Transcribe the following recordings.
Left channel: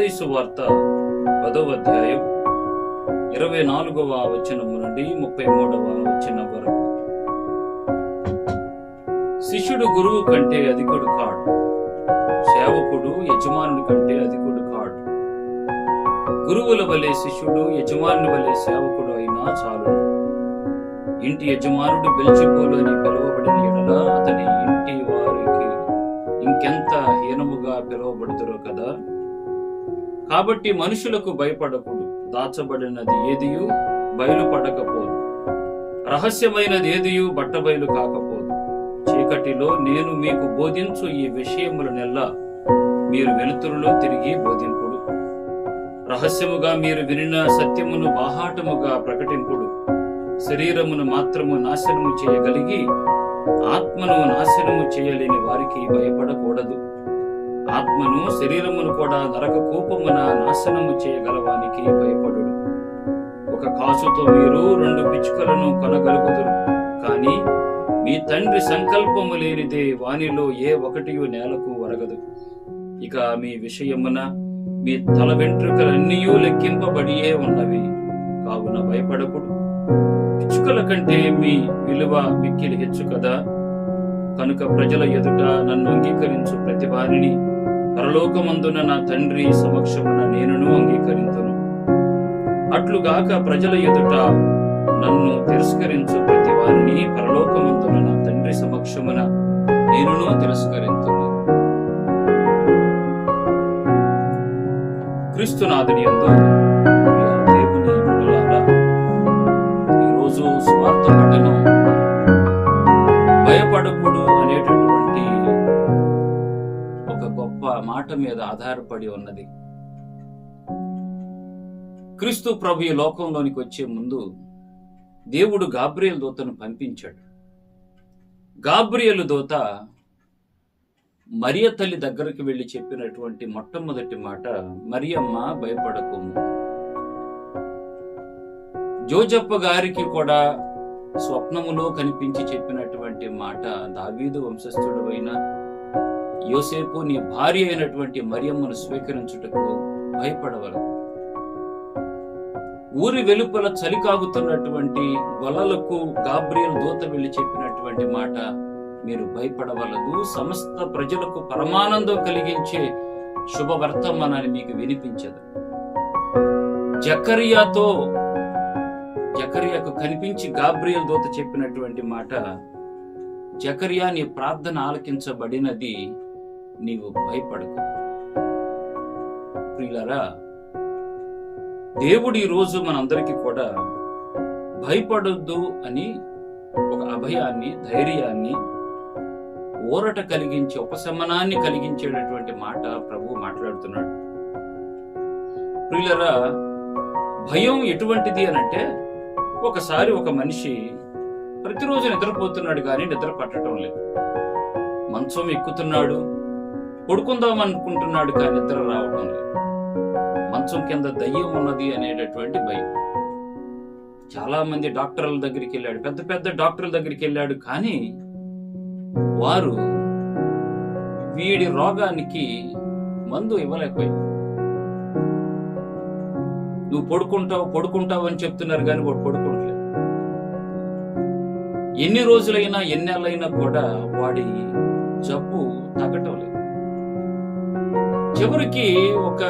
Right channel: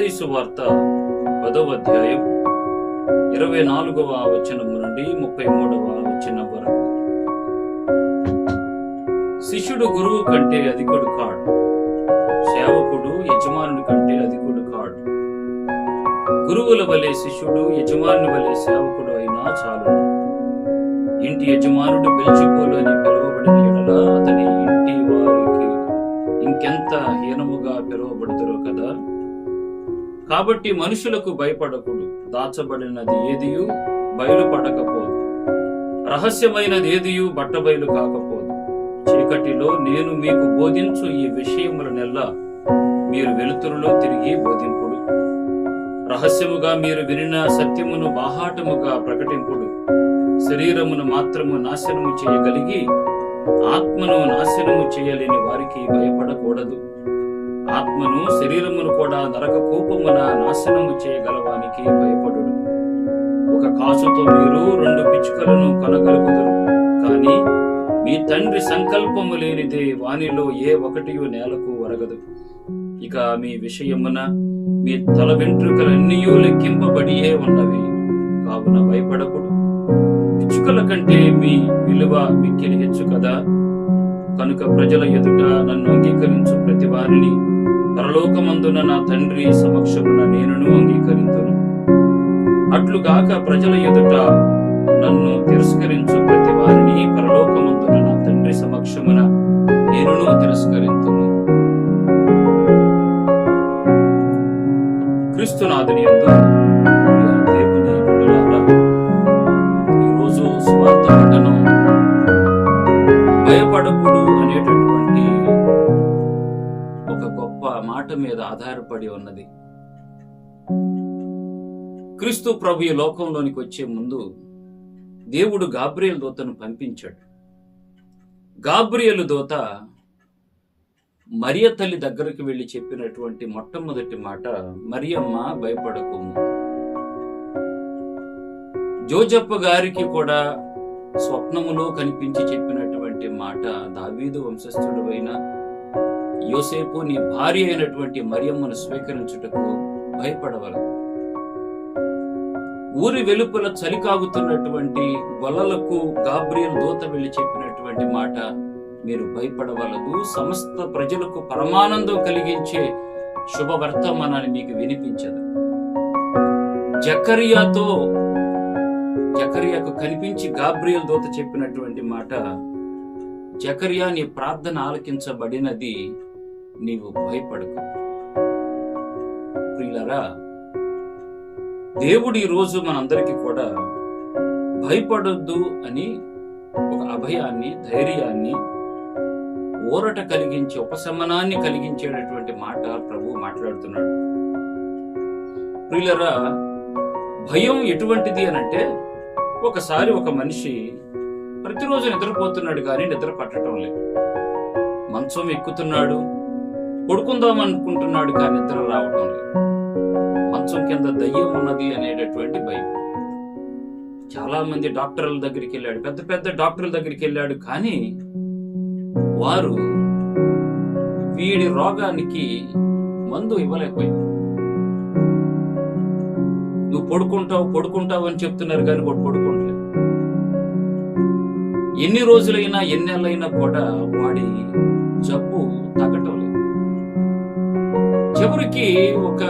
మత్తయి సువార్త 10వ అధ్యాయం 24వ వచనము నుండి 33వ వచనం వరకు. శిష్యుడు గురువు కంటే అధికుడు కాడు, సేవకుడు యజమానుని కంటే అధికుడు కాడు. గురువుల వలె శిష్యుడు, యజమానుని వలె సేవకుడు అయినా చాలు. ఇంటి యజమానుడు బెల్జెబూలు అని పిలువబడిన ఎడల అతని ఇంటి వారికి ఇంకెంత హీనముగా పిలువబడుతురో కదా. కాబట్టి మనుషులకు భయపడకుడు. దాచబడినది ఏదియు బయలుపడకపోదు, రహస్యమైనది ఏదియు బట్టబయలు కాకపోదు. చీకటిలో నేను మీకు బోధించు ఈ విషయములనెల్లా మీరు వెలుతురులో తిరిగి బోధింపుడు. రహస్యముగా మీరు వినిన సత్యమును బాహాటముగా ప్రకటింపుడు. శరీరమును మాత్రము నాశనము చేయగలిగి ఆత్మను నాశనము చేయలేని వారికి భయపడకూడదు. ఆత్మను శరీరమును కూడా నరక కూపమున నాశనము చేయగలవానికి భయపడుడు. ఒక కాసుతో మీరు 2 పిచ్చుకలను కొనగలుగుదురు, కానీ మీ తండ్రి సంకల్పము లేనిదే వానిలో ఏ ఒకటియు నేలకు వరగదు. ఇక మీ విషయమున మీ తల వెంట్రుకలన్నీయూ లెక్కింపబడియే ఉన్నవి. కావున భయపడకుడు. పిచ్చుకల కంటే మీ విలువ మిక్కిలి హెచ్చు కదా. కనుక ప్రజల ఎదుట నన్ను అంగీకరించు ప్రతి వారిని పరలోకమందున నా తండ్రి సమక్షమున నేనును అంగీకరింతును. అట్లుగాక ప్రజల ఎదుట నన్ను తిరస్కరించు ప్రతి వారిని పరలోకమందున నా తండ్రి సమక్షమున నేనును తిరస్కరింతును. క్రీస్తునాథుని యందు దేవుని బిడ్డలారా, ఈరోజు స్వార్థ పఠనం భయపడకుడు అనేటటువంటి ఒక గొప్ప మాట మీద ఆధారపడి ఉన్నది. క్రీస్తు ప్రభు ఈ లోకంలోనికి వచ్చే ముందు దేవుడు గాబ్రియేలు దూతను పంపించాడు. గాబ్రియేలు దూత మరియ తల్లి దగ్గరికి వెళ్ళి చెప్పినటువంటి మొట్టమొదటి మాట, మరియమ్మ భయపడకుము. జోజప్ప గారికి కూడా స్వప్నములో కనిపించి చెప్పినటువంటి మాట, దావీదు వంశస్థుడు అయిన యోసేపు నీ భార్య అయినటువంటి మరియమ్మను స్వీకరించుటకు భయపడవలదు. ఊరి వెలుపల చలి కాగుతున్నటువంటి గొల్లలకు గాబ్రియేలు దూత వెళ్ళి చెప్పినటువంటి మాట, మీరు భయపడవలదు, సమస్త ప్రజలకు పరమానందం కలిగించే శుభవర్తమానాన్ని మీకు వినిపించదు. జకర్యాకు కనిపించి గాబ్రియేలు దూత చెప్పినటువంటి మాట, జకర్యా నీ ప్రార్థన ఆలకించబడినది, నీవు భయపడకు. ప్రియులారా, దేవుడు ఈ రోజు మనందరికీ కూడా భయపడొద్దు అని ఒక అభయాన్ని, ధైర్యాన్ని, ఊరట కలిగించే, ఉపశమనాన్ని కలిగించేటటువంటి మాట ప్రభు మాట్లాడుతున్నాడు. ప్రియులారా, భయం ఎటువంటిది అనంటే, ఒకసారి ఒక మనిషి ప్రతిరోజు నిద్రపోతున్నాడు కానీ నిద్ర పట్టడం లేదు. మంచం ఎక్కుతున్నాడు, పడుకుందాం అనుకుంటున్నాడు కానీ నిద్ర రావటం లేదు. మంచం కింద దయ్యం ఉన్నది అనేటటువంటి భయం. చాలా మంది డాక్టర్ల దగ్గరికి వెళ్ళాడు, పెద్ద పెద్ద డాక్టర్ల దగ్గరికి వెళ్ళాడు, కానీ వారు వీడి రోగానికి మందు ఇవ్వలేకపోయారు. నువ్వు పడుకుంటావు అని చెప్తున్నారు కానీ వాడు పడుకోవట్లేదు. ఎన్ని రోజులైనా ఎన్ని నెలలైనా కూడా వాడి జబ్బు తగ్గటం లేదు. చివరికి ఒక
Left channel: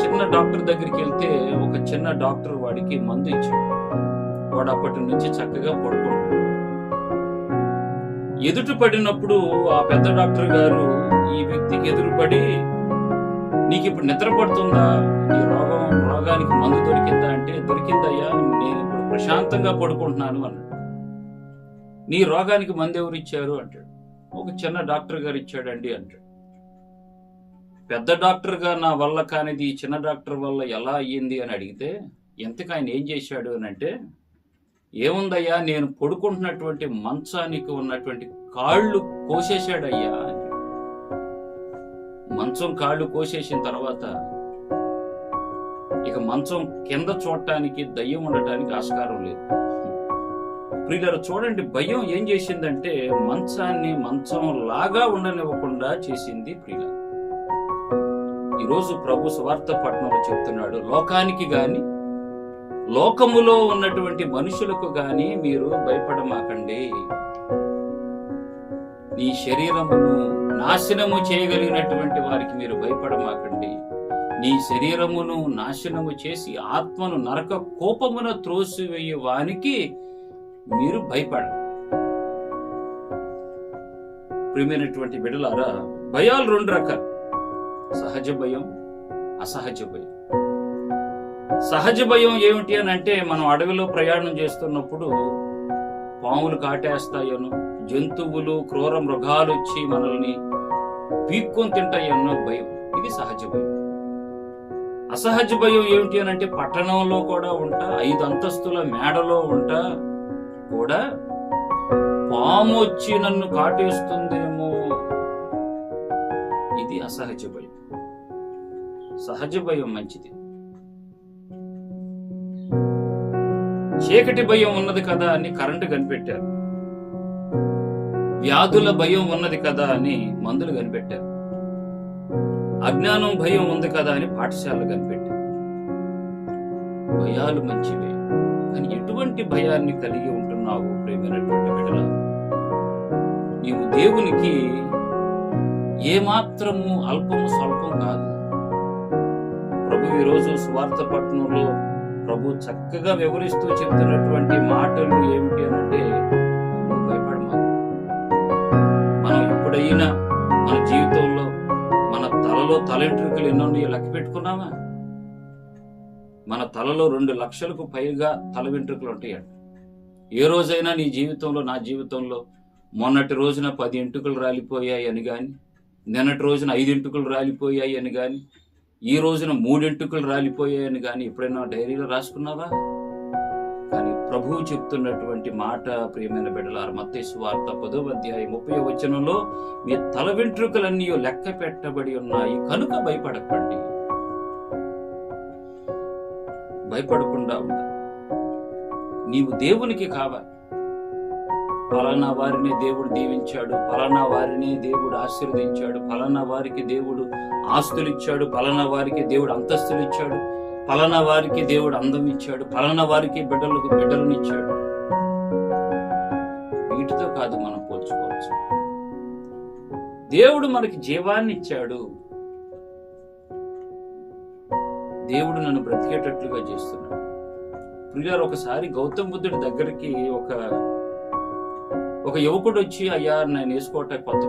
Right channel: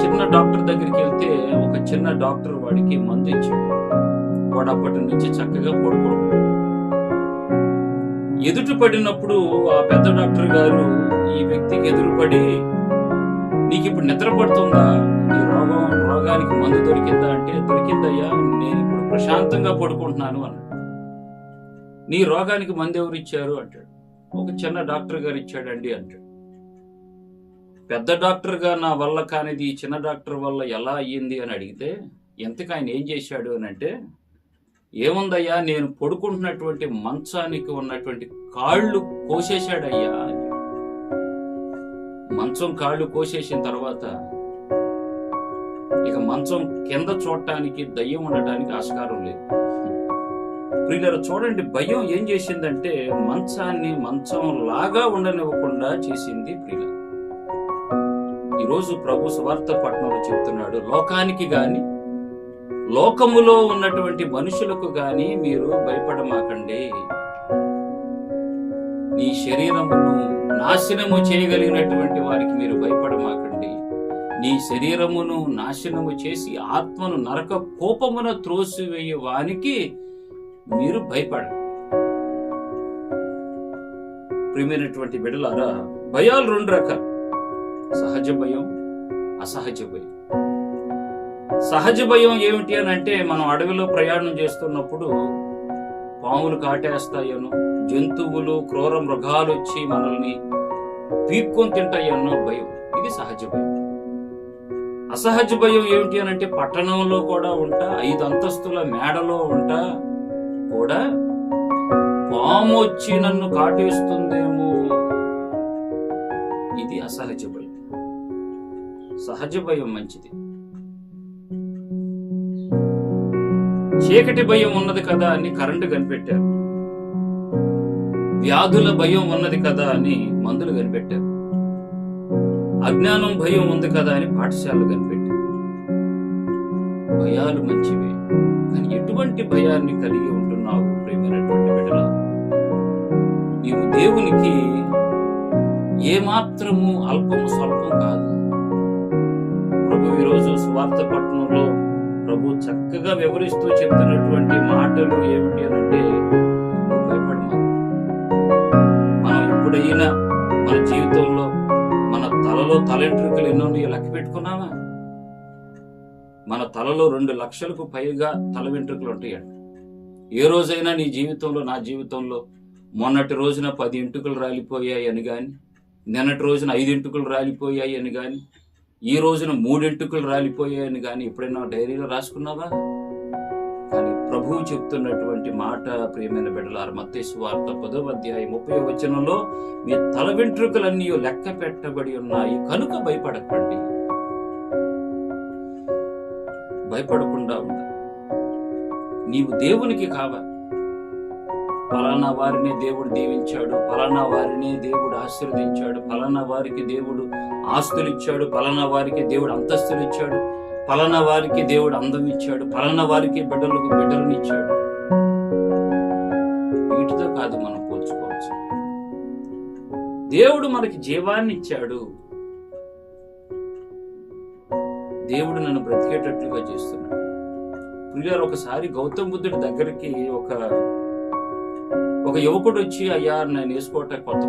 చిన్న డాక్టర్ దగ్గరికి వెళ్తే ఒక చిన్న డాక్టర్ వాడికి మందు ఇచ్చాడు. వాడు అప్పటి నుంచి చక్కగా పడుకోడు. ఎదుటి పడినప్పుడు ఆ పెద్ద డాక్టర్ గారు ఈ వ్యక్తికి ఎదురుపడి, నీకు ఇప్పుడు నిద్ర పడుతుందా, నీ రోగానికి మందు దొరికిందా అంటే, దొరికిందయ్యా, నేను ఇప్పుడు ప్రశాంతంగా పడుకుంటున్నాను అన్నాడు. నీ రోగానికి మందు ఎవరు ఇచ్చారు అంటాడు. ఒక చిన్న డాక్టర్ గారు ఇచ్చాడండి అంటాడు. పెద్ద డాక్టర్ గా నా వల్ల కానిది ఈ చిన్న డాక్టర్ వల్ల ఎలా అయ్యింది అని అడిగితే, ఎంతకు ఆయన ఏం చేశాడు అని అంటే, ఏముందయ్యా, నేను పడుకుంటున్నటువంటి మంచానికి ఉన్నటువంటి కాళ్ళు కోసేశాడయ్యా అని. మంచం కాళ్ళు కోసేసిన తర్వాత ఇక మంచం కింద చూడటానికి, దయ్యం ఉండటానికి ఆస్కారం లేదు. ప్రియులారా, చూడండి, భయం ఏం చేసిందంటే మంచాన్ని మంచం లాగా ఉండనివ్వకుండా చేసింది. ప్రియులారా, ఈరోజు ప్రభు సువార్త పట్టణంలో చెప్తున్నాడు, లోకానికి గాని లోకములో ఉన్నటువంటి మనుషులకు గాని మీరు భయపడమాకండి. నీ శరీరమును నాశనము చేయగలిగినటువంటి వారికి మీరు భయపడమాకండి. నీ శరీరమును నాశనము చేసి ఆత్మను నరక కోపమున త్రోసివేయు వానికి మీరు భయపడండి. ప్రియమైనటువంటి బిడ్డలారా, భయాలు 2 రకాలు: సహజ భయం, అసహజ భయం. సహజ భయం ఏమిటి అని అంటే, మనం అడవిలో ప్రయాణం చేస్తున్నప్పుడు పాములు కాటేస్తాయనో, జంతువులు క్రూర మృగాలు వచ్చి మనల్ని పీక్కొని తింటాయన్నో భయం, ఇది సహజ భయం. అసహజ భయం ఏమిటి అని అంటే, పట్టణంలో కూడా ఉంటా, 5 అంతస్తుల మేడలో ఉంటా కూడా పాము వచ్చి నన్ను కాటేస్తుందేమో, ఇది అసహజ భయం. సహజ భయం మంచిది. చీకటి భయం ఉన్నది కదా అని కరెంటు కనిపెట్టారు. వ్యాధుల భయం ఉన్నది కదా అని మందులు కనిపెట్టారు. అజ్ఞానం భయం ఉంది కదా అని పాఠశాలలు కనిపెట్టారు. భయాలు మంచివే, కానీ ఎటువంటి భయాన్ని కలిగి ఉంటున్నావు ప్రియమైనటువంటి బిడ్డలా? నీవు దేవునికి ఏమాత్రము అల్పము స్వల్పం కాదు. ప్రభు ఈరోజు సువార్త పట్టణంలో ప్రభు చక్కగా వివరిస్తూ చెప్తున్నటువంటి మాటలు ఏమిటి అని అంటే, నువ్వు భయపడమా. మనం ఎప్పుడైనా మన జీవితంలో మన తలలో తలెంట్రుకలు ఎన్నో లెక్క పెట్టుకున్నావా? మన తలలో 2 లక్షలకు పైగా తల వెంట్రుకలు ఉంటాయండి. ఏ రోజైనా నీ జీవితంలో, నా జీవితంలో మొన్నటి రోజున 10 ఎంటుకలు రాలిపోయాయి అని కానీ, నిన్నటి రోజున 5 ఎంటుకలు రాలిపోయాయి అని కానీ, ఈ రోజున 3 ఎంటుకలు రాలిపోయాయి అని కానీ ఎప్పుడైనా డైరీలో రాసుకున్నావా? కానీ ప్రభువు చెప్తున్నటువంటి మాట, ప్రియమైన బిడ్డలారా, మత్తయి సువార్త 10వ అధ్యాయం 30వ వచనంలో, మీ తల వెంట్రుకలన్నీ లెక్క పెట్టబడి ఉన్నాయి కనుక భయపడకండి. భయపడకుండా ఉండాలి. నీవు దేవునికి కావాలి. ఫలానా వారినే దేవుడు దీవించాడు, ఫలానా వారినే దేవుడు ఆశీర్వదించాడు, ఫలానా వారికి దేవుడు ఆస్తులు ఇచ్చాడు, ఫలానా వారికి దేవుడు అంతస్తులు ఇచ్చాడు, ఫలానా వారికి దేవుడు అందం ఇచ్చాడు, ఫలానా వారికి బిడ్డలను ఇచ్చాడు. వీటితో కాదు మనం పోల్చుకోవచ్చు. దేవుడు మనకి జీవాన్ని ఇచ్చాడు. దేవుడు నన్ను బ్రతికేటట్లుగా చేస్తున్నాడు. ప్రియులారా, ఒకసారి గౌతమ బుద్ధుడి దగ్గరికి ఒక యువకుడు వచ్చి, అయ్యా నేను వేసుకోవటానికి కొత్త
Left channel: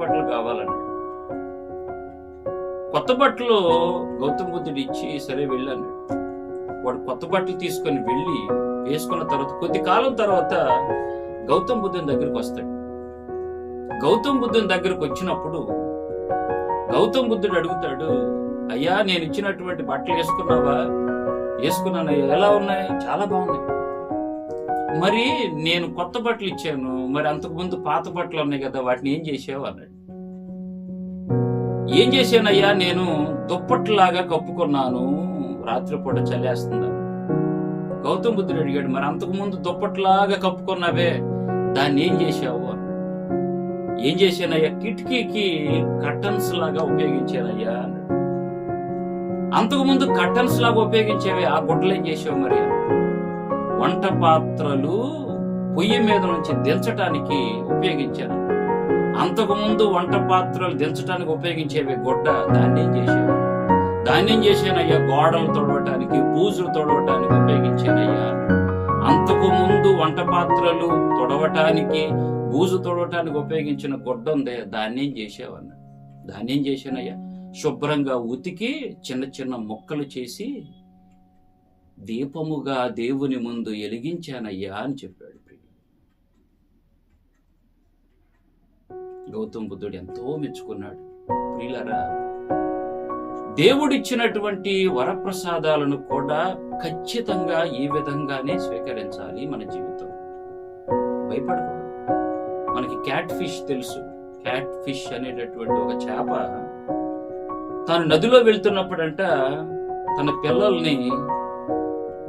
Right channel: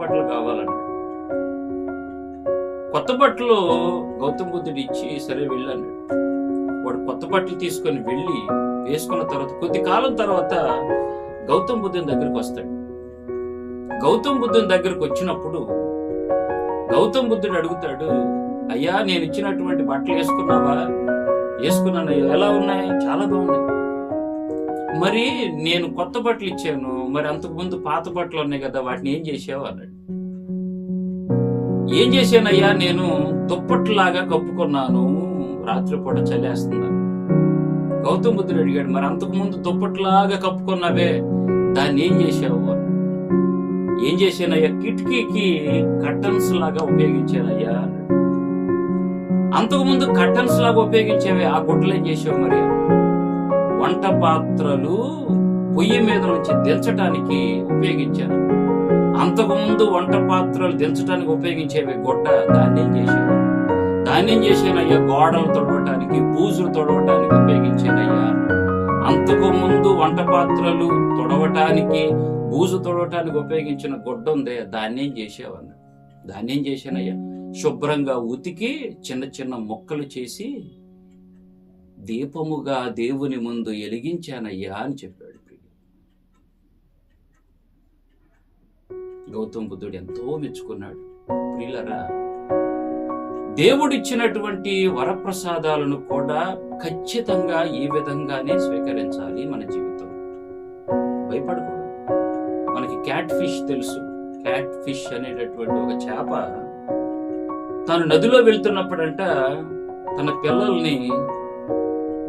బట్టలు కావాలన్నాడు. కొత్త బట్టలు గౌతమ బుద్ధుడు ఇచ్చి, సరే వెళ్ళాడు. వాడు కొత్త బట్టలు తీసుకొని వెళ్ళి వేసుకున్న తర్వాత కొద్ది కాలం తర్వాత గౌతమ బుద్ధుని దగ్గరికి వస్తాడు. గౌతమ బుద్ధుని దగ్గరకు వచ్చినప్పుడు గౌతమ బుద్ధుడు అడుగుతాడు, అయ్యా నేను ఇచ్చినటువంటి బట్టలు వేసుకున్నావా? వేసుకున్నానయ్యా. ఎలా ఉన్నాయి? చాలా బాగున్నాయి. మరి నేను కొత్త బట్టలు ఇచ్చాను, మరి అంతకుముందు పాత బట్టలు ఉన్నాయి కదా, వాటిని ఏం చేసావు అన్నాడు. ఏం చేశానయ్యా, నేను దుప్పట్లాగా కప్పుకున్నాను, రాత్రిపూట చలేస్తున్నాను. గౌతమ బుద్ధుడు అడిగాడు, మరి అంతకుముందు దుప్పట్లాగా కప్పుకున్నావే, దాన్ని ఏం చేశావు అన్నాడు. ఏం చేశానయ్యా, కిటికీకి కర్టన్స్ లాగా ఉపయోగించానయ్యా అన్నాడు. అంతకుముందు కర్టన్స్ లాగా ఉపయోగించేవే, ఆ గుడ్డలు ఏం చేసావు? మరి వంట పాత్రలు పొయ్యి మీద నుంచి దించటానికి ఉపయోగించాను. అంతకుముందు వంట పాత్రలు దించడానికి ఉపయోగించేవే గుడ్డ, దాన్ని ఏం చేసావు? దాన్ని ఏం చేశానయ్యా, గోడలు తొడవటానికి, బూజులు తొడవటానికి ఉపయోగించానయ్యా. అంతకు ముందు వంట పాత్రలు తొడవటానికి, బూజు తొడవటానికి ఉపయోగించిన గుడ్డ ఉందే, దాన్ని ఏం చేసావు అన్నాడు. దాన్ని ఏం చేశానయ్యా, శుభ్రంగా ఉతికి చిన్న చిన్న ముక్కలు చేసి దీపముగా దేవుని ముందు ఎలిగించానయ్యా అని చెప్పాడు. గౌతమ బుద్ధుడు ఎంతో మెచ్చుకున్నాడు. ప్రియులారా, దేవుడిచ్చినటువంటి వరప్రసాదాలను కూడా ఖచ్చితంగా ఈ విధంగానే స్వీకరించాలి మన జీవితం. భయపడకూడదు. మనకి క్యాట్ ఫిష్ తెలుసు. క్యాట్ ఫిష్ అనేటటువంటి ఒక చేప తాను నదిలో వెళ్తున్నప్పుడంట తన పిల్లల్ని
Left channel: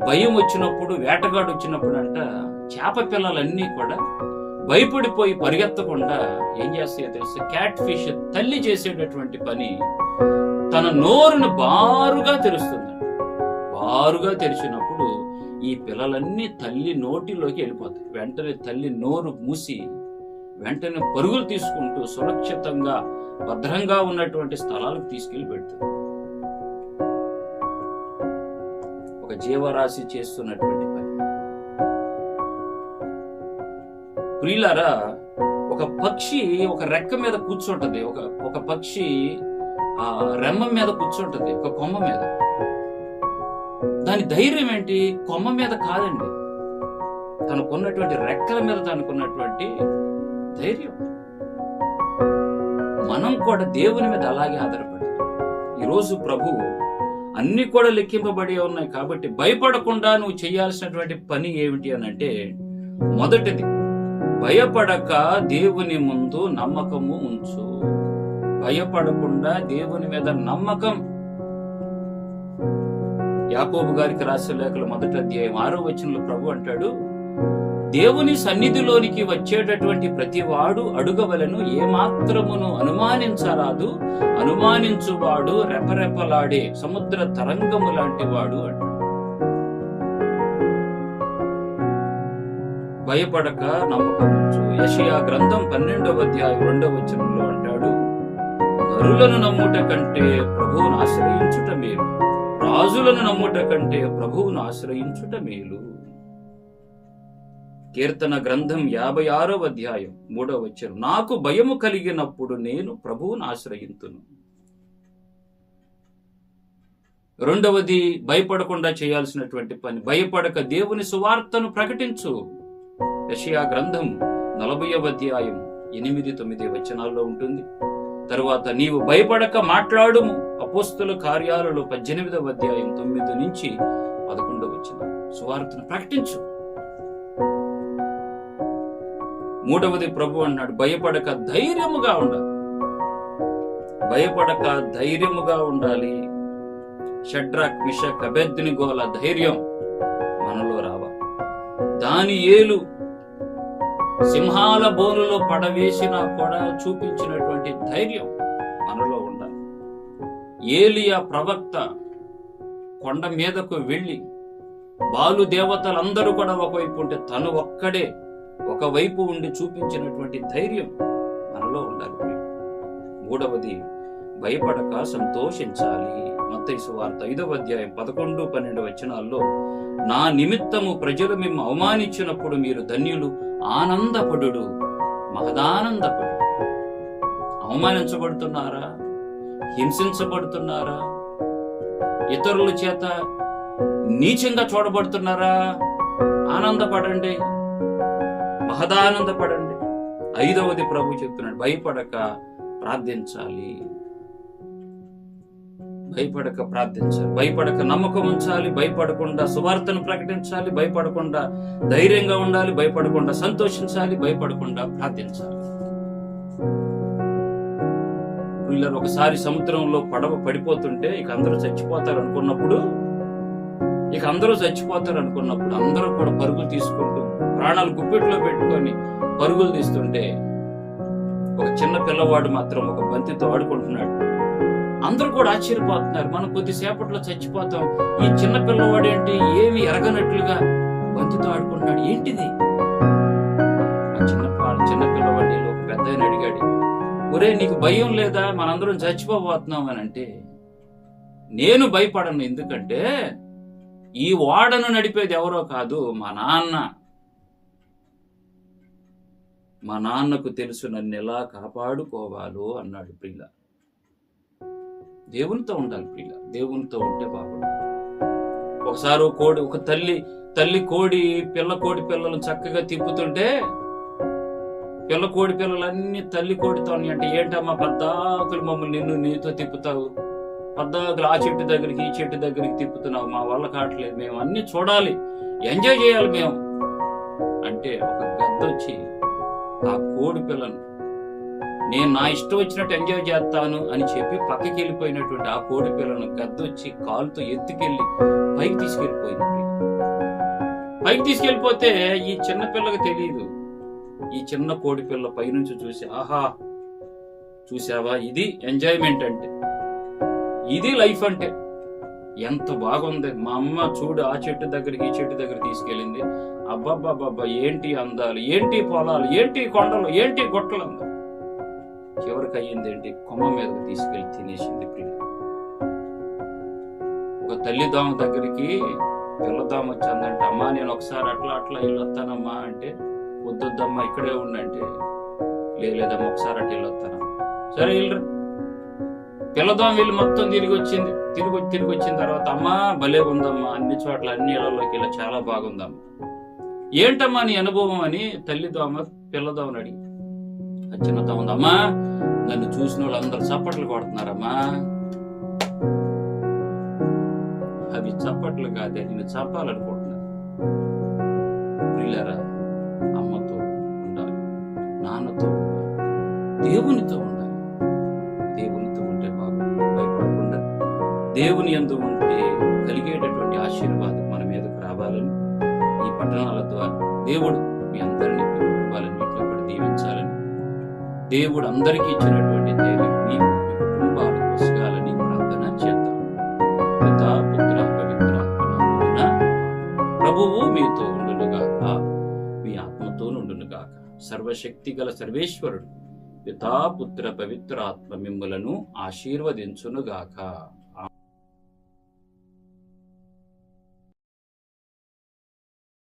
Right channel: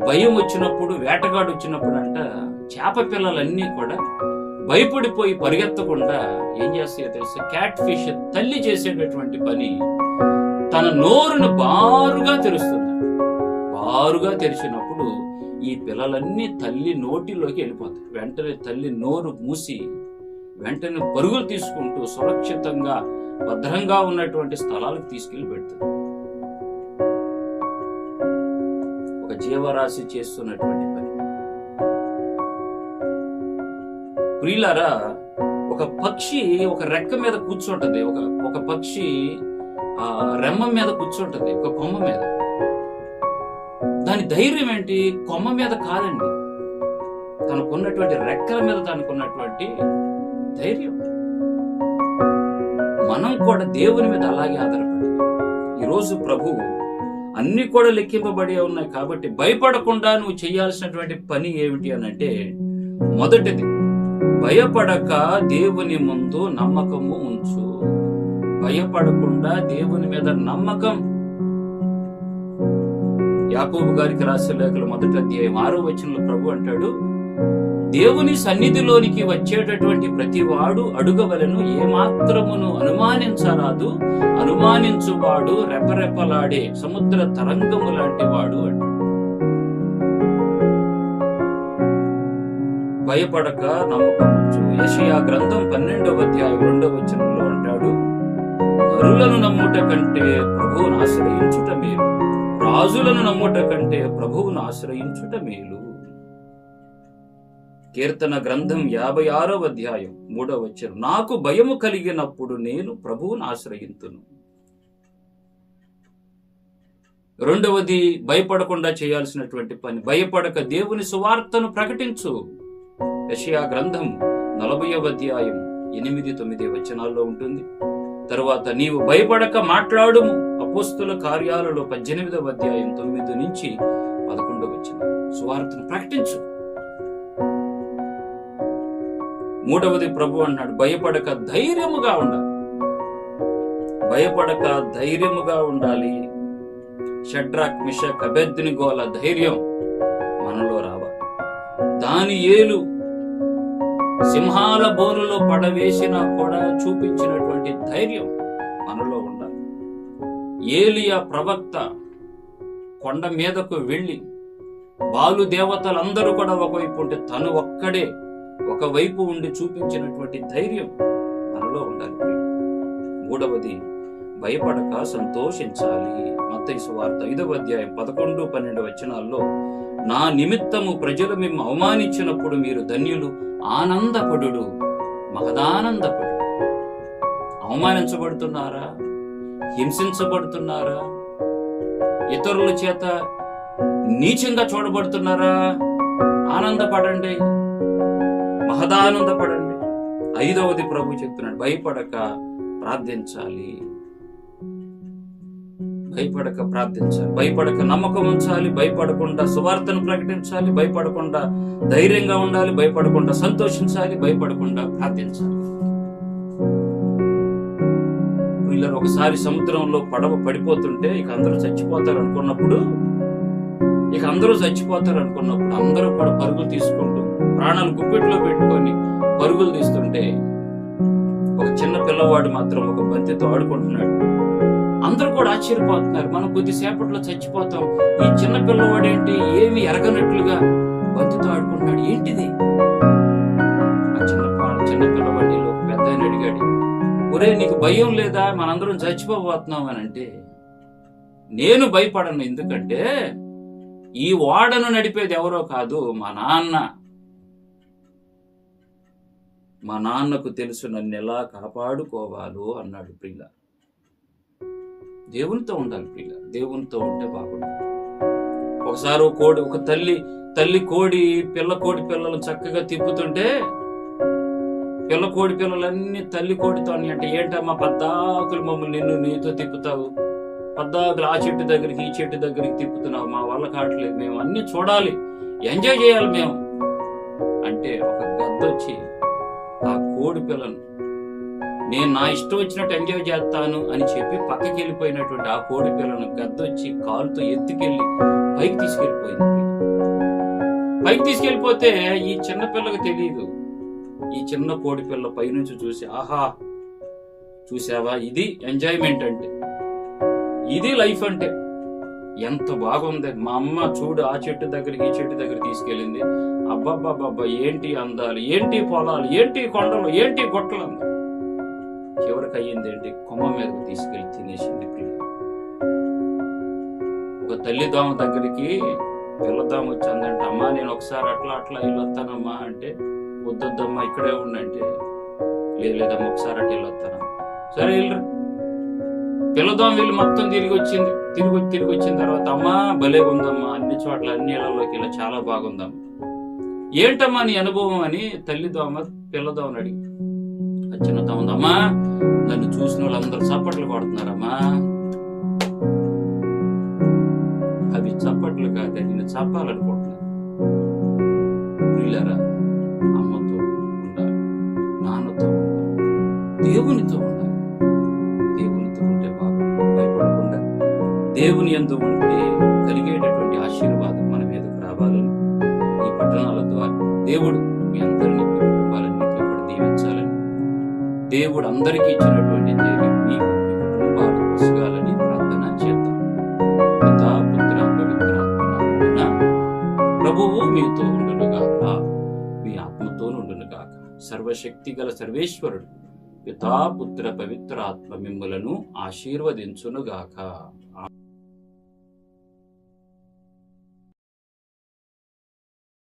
భయం వచ్చినప్పుడు, వేటగాడు వచ్చినప్పుడు అంట చేప పిల్లలన్నీ కూడా భయపడిపోయి పరిగెత్తకుండా ఏం చేస్తాయో తెలుసు, క్యాట్ ఫిష్ తల్లి చేసేటటువంటి పని, తన నోరును బారుగా తెరుస్తుంది. బారుగా తెరిచినప్పుడు ఈ పిల్లలన్నీ తల్లి నోటిలోకి వెళ్ళిపోతాయి. వెంటనే తల్లి నోరు మూసి వెంటనే పరుగులు తీసుకుంటూ సురక్షితంగా భద్రంగా ఉన్నటువంటి స్థలాలకు తీసుకెళ్లి పెడుతుంది. ఒక జీవరాశి చేస్తున్నటువంటి పని. ప్రియులారా, ఒక పక్షి ఒక రెక్క మీద కూర్చుంటది. ఒక పక్షి రెమ్మ మీద కూర్చుంటది, ఒక కొమ్మ మీద. దాని ధైర్యం ఏంటి? కొమ్మ మీద కాదండి, తనకున్నటువంటి రెక్కల మీద తనకున్నటువంటి ధైర్యం. మనం కూడా దేవుని మీద అలాగే ఆధారపడి, ఈరోజు ప్రభు అన్ని కూడా లెక్కింపబడి ఉన్నాయి కాబట్టి భయపడకుండా నువ్వు చేయాల్సినటువంటి పని ఏమిటి అని అంటే, మొదటిది, భయపడక దేవుని ముందు నమ్మకము ఉంచు. భయపడకుండా దేవుని మీద నమ్మకం. యాకోబు గారికి రాసిన లేఖలు 1వ అధ్యాయం 6వ వచనంలో ప్రభు అంటాడు, దేవుని సన్నిధిలోనికి వచ్చేటటువంటి ప్రతివాడు అడుగవలను, ఏమాత్రమును అనుమానించరాదు. అనుమానించువాడు రెపరెపలాడే సముద్ర తరంగము లాంటి వాడు అంటాడు. భయపడక నమ్మకం ఉంచు. యెషయా గ్రంథం 12వ అధ్యాయం 2వ వచనంలో అంటాడు, నరులను నమ్ముట కంటే ప్రభువును ఆశ్రయించుట మేలు, రాజులను నమ్ముట కంటే ప్రభువును ఆశ్రయించుట మేలు. కీర్తన గ్రంథం 56వ అధ్యాయం 3వ వచనం, నాకు భయము కలిగినప్పుడు నేను ప్రభువును ఆశ్రయింతును. రెండవది, భయపడకుండా చేయాల్సినటువంటి పని, భయపడక దేవుని సువార్తను ప్రకటించు. యెషయా గ్రంథం 40వ అధ్యాయం 8-9 వచనాల్లో ఉంటుంది. తరువాత, నీవు భయపడక మాట్లాడుము. అపోస్తుల కార్యాలలో 18వ అధ్యాయం 9-11 వచనం. సువార్తను ప్రకటించు. మూడవది, ప్రభు అన్నాడు, భయపడక ధైర్యముగా ఉండాలి. భయపడక ధైర్యముగా ఉండాలి. షడ్రాక్, మిషక్, అబేద్నెగోల ధైర్యం మనలో రావాలి. దానియేలు సింహాల బోనులో పడవేసినా కూడా చూపించినటువంటి ధైర్యం మనలో ఉండాలి. ఏలియా ప్రవక్త కొండ మీదకు వెళ్ళి బాలు దేవతలందరూ కూడా ఒకవైపు ఉంటే తను ఒక్కడే ఒకవైపు ఉండి చూపించినటువంటి ధైర్యం మనలో ఉండాలి. మూడవది, భయపడక సంతోషించాలి. మత్తయి సువార్త 5వ అధ్యాయం 11-12 వచనాల్లో, నా నిమిత్తము ప్రజలు మిమ్ము అవమానించినప్పుడు మీరు ధన్యులు, ఆనందపడుడు, మహదానందపడు. అవమానించబడుతున్నారా? హింసించబడుతున్నారా? ఇతరుల చేత నీచంగా చూడబడుతున్నారా? ఆనందపడండి, మహదానందపడండి. 5వది ప్రభు చెప్తున్నాడు, భయపడక ప్రార్థించాలి. భయపడక ప్రార్థించాలి, భయపడక నమ్మకం ఉంచాలి, భయపడకుండా సువార్తను ప్రకటించాలి, భయపడకుండా ధైర్యంగా ఉండాలి, భయపడకుండా సంతోషించాలి, భయపడకుండా ప్రార్థించాలి. వీళ్ళరు ఒకసారి సముద్రంలో పడవ పడిపోతుంటే ఇక అందరూ చచ్చిపోతారు అనుకున్నప్పుడు అందరూ కూడా పరుగులు తీసుకుంటూ ప్రాణాలు గుప్పెట్లో పెట్టుకొని పరుగులు తీస్తుంటే ఒక చిన్న పిల్లవాడు మాత్రం ఒక బంతితో ఆడుకుంటున్నాడు. అందరూ కూడా ఆశ్చర్యపోతున్నారు, మనం కొద్దిసేపట్లో చచ్చిపోతాం, ఈ చిన్న పిల్లవాడేంటి ఏమి ఎరగనట్లుగా బంతితో ఆడుకుంటున్నాడు, ఏంటిది? ఆ చిన్న పిల్లవాడిని ఒక పెద్ద ఆయన అడిగాడు, ఒరే నీకు భయం లేదా, మనందరం చచ్చిపోబోతున్నాం అని అంటే, నేను భయపడను, ఎందుకంటే ఈ ఓడను నడిపేది ఎవరో కాదు, మా నాన్నకు తెలుసు నన్ను ఎలా కాపాడుకోవాలో అన్నాడు. ప్రియుల, దేవునితో ఉండాలి. ప్రియుల, దేవునితో ఉంటే బాగుంటుంది. ఒకసారి ఒక తల్లి కోడి పిల్లలను చక్కగా తిప్పుతుంటే పిల్ల కోడి పిల్లలన్నీ తల్లి కోడితో అంటే, ఏంటమ్మా పద్దాకులు మమ్మల్ని నీతో తిప్పుతావు, పద్దాకులు ఆ చెట్టు దగ్గరికి ఈ చెట్టు దగ్గరికి తిప్పుతున్నావు, మా వల్ల కావట్లేదు, మేము అన్ని చూడాలి, ఎంజాయ్ చేయాలి మేము అంటే, ఒక గద్దొచ్చి ఆ కోడి పిల్లను నేను నా ఇష్టం వచ్చినట్టు ఎంజాయ్ చేస్తాను అని చెప్పి పక్కకి వెళ్ళిపోయినటువంటి ఆ కోడి పిల్లను గద్దొచ్చి కాలుతో ఎత్తుకెళ్ళి పైకి తీసుకెళ్ళిపోయింది. పైకి తీసుకెళ్ళిపోతే ఈ చిన్న పిల్లకి తెలియదు, ఈ చిన్న కోడి పిల్ల పైనుంచి చూసి, ఆహా చూసావా, ఇది ఎంజాయ్మెంట్ అంటే, ఇది లైఫ్ అంటే. ఎంత బాగుంది. మా అమ్మ చూడు ఆ చెట్టు దగ్గరికి ఈ చెట్టు దగ్గర తీసుకెళ్ళింది. అబ్బాబ్బాబ్బా, ఏంటి అందాలు, ఏంటి పొలాలు, ఏంటి కొండలు, ఏంటి గొట్టలు అందాలు. చివరికి అయ్యింది ఏంటి? కొమ్మ మీదకు తీసుకెళ్లి తినేసింది ప్రియ. ఒక తల్లిదామ దగ్గరికి పిల్లదామ వచ్చిందంటే, అమ్మా నేను ఒకసారి అట్లా అట్లా వెళ్ళొస్తానమ్మా అంటే, వద్దొద్దమ్మా ఇక్కడే ఉండంటే, లేదమ్మా ఒకసారి అట్లా వెళ్ళొస్తానమ్మా. సరే వెళ్ళరా. పిల్లదాం వెళ్ళి మొత్తం తిరిగి వచ్చిన తర్వాత, అమ్మా భలే ఉందమ్మా, అన్ని చోట్ల అన్ని ఇళ్లలోకి ఇలా చాలా బాగుందమ్మా, ఏంటమ్మా నీ అనుభవం అని తల్లిదోమ పిల్లదోమని అడిగి, చిన్నదోమ ఉంది, అమ్మా నన్ను చూసిన వాళ్ళందరూ చప్పట్లు కొడుతున్నారమ్మా. అవి చప్పట్లు కాదే, నేను చప్పాలనుకుంటున్నాను. ప్రియులారా, అమ్మతో ఉండాలి, నాన్నతో ఉండాలి, దేవునితో ఉండాలి. దేవునితో ఉంటే బాగుంటుంది. భయపడకుండా దేవుని యందు ఉంటే కలిగేటటువంటి ఆశీర్వాదం మన మీదకు రావాలని, ఈ పట్టణాల ద్వారా దేవుడు మీ అందరినీ, మీ కుటుంబాలన్నింటినీ కూడా దీవించాలని, దేవుడు అందరికీ ఇచ్చినటువంటి ధైర్యం మీకు, మీ కుటుంబాలకు వసగాలని ప్రార్థన చేద్దాం. పితా పుత్ర పవిత్రాత్మ నామమున ప్రభువు మీతో ఉండునుగాక, మీ ఆత్మతో ఉండునుగాక. సర్వశక్తి గల సర్వేశ్వరుడు పితా పుత్ర పవిత్ర ఆత్మ మిమ్ములను ఆశీర్వదించునుగాక.